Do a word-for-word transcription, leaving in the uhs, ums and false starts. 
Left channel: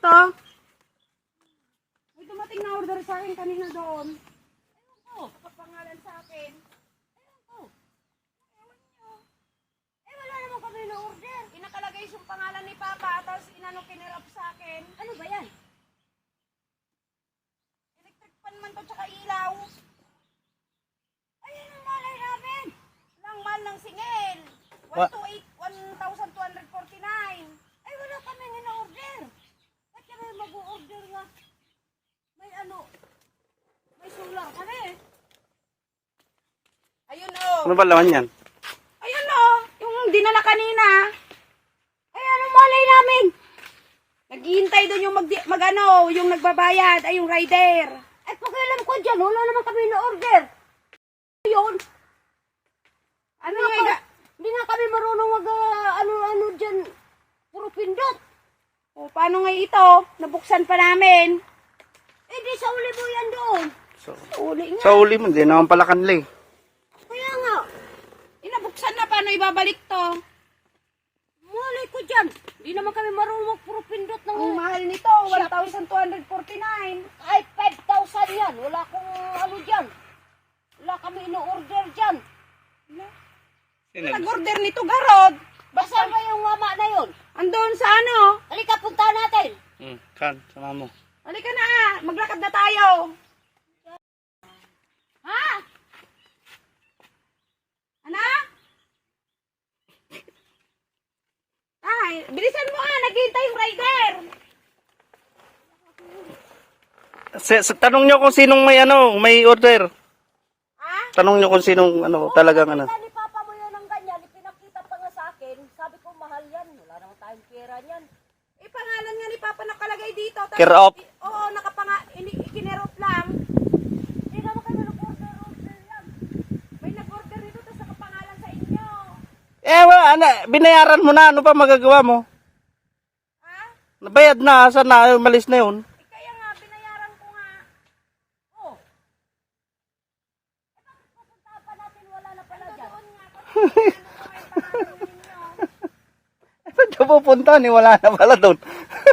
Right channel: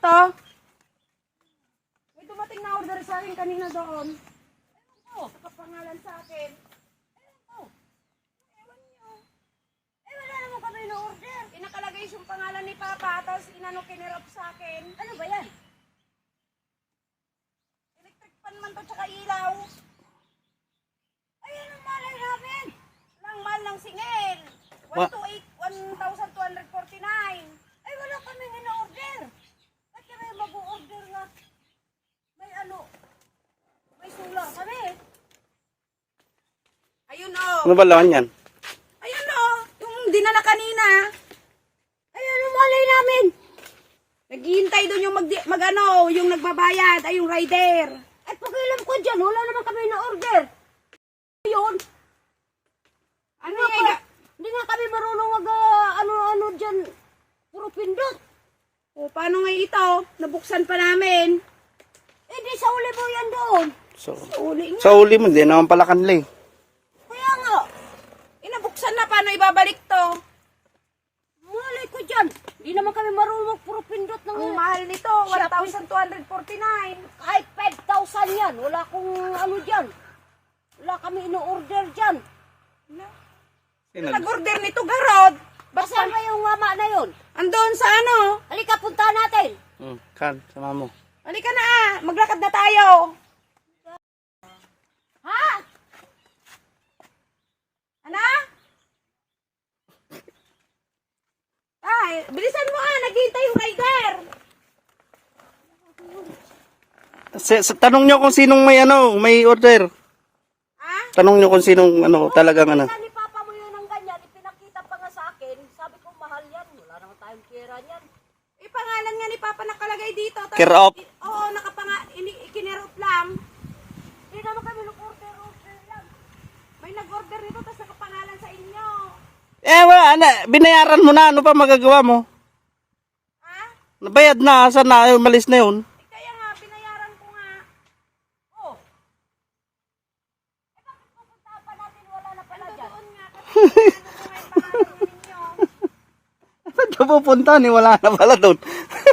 to? May dumating na order sa akin kanina doon. Ewan ko, nakapangalan sa akin. Ewan ko. Ewan nyo. Eh, wala naman kami na-order. Inakalagay yung pangalan ni Papa, tapos inano kinirap sa akin. Ano ba yan? Electric pan man to, tsaka ilaw. Ayun ang malay namin. Lang mal ng singil. one thousand two hundred forty-nine. Ay, wala kami na-order. Ba't kami mag-order nga? May ano, may solar kami. Ayun o. Ano ba lahan yan? Ayun o, yung dinala kanina. Ay, ano malay namin? Naghihintay doon yung mag, mag ano, yung nagbabayad, ay yung rider. At pakialam ko dyan, wala naman kami na-order. Ayun. Ano nga? Hindi nga kami marunong mag, uh, ano-ano dyan. Puro pindot. O, paano nga ito? Nabuksan pa namin. Eh, di sa uli mo yan doon. So, Sa uli nga. sa uli mo, hindi naman pala kanli. Kaya nga. Inabuksan na, paano ibabalik to? Malay ko dyan. Hindi naman kami marunong mag puro pindot ng... Ang mahal nito, one thousand two hundred forty-nine. Kahit five thousand yan. Wala akong ano dyan. Wala kami ino-order dyan. Wala. Nag-order nito, Garod. Basta ba yung mama na yun? Andun sa ano? Halika, punta natin. Hmm, kan, sama mo. Halika na ah. Maglakad na tayo. Ha? Ano? Ay, bilisan mo ah. Naghihintay yung rider. Sa, sa, tanong nyo kung sinong may ano, may order. Ha? Tanong nyo kung sinong ano, talagang ano. Ni Papa mo yun ng ganyan. Pinakita pa nga sa akin. Sabi ko, mahal yan. Wala naman tayong pera niyan. Eh, pangalan nga ni Papa nakalagay dito. Tapos- Care of. Oo, nakapanga, ikinerop lang. Hindi naman kami nag-order-order lang. May nag-order nito, tapos nakapangalan sa inyo. Eh, wala, ano, binayaran mo na, ano pa magagawa mo? Ha? Nabayad na, saan na, malis na yun. Eh, kaya nga, binayaran ko nga. Oh. Eh, bakit pupuntahan pa natin? Wala na pala dyan. Doon nga, kasi ano ko nga yung pangalan nga ninyo. Ba't ka pupunta ni wala na pala doon?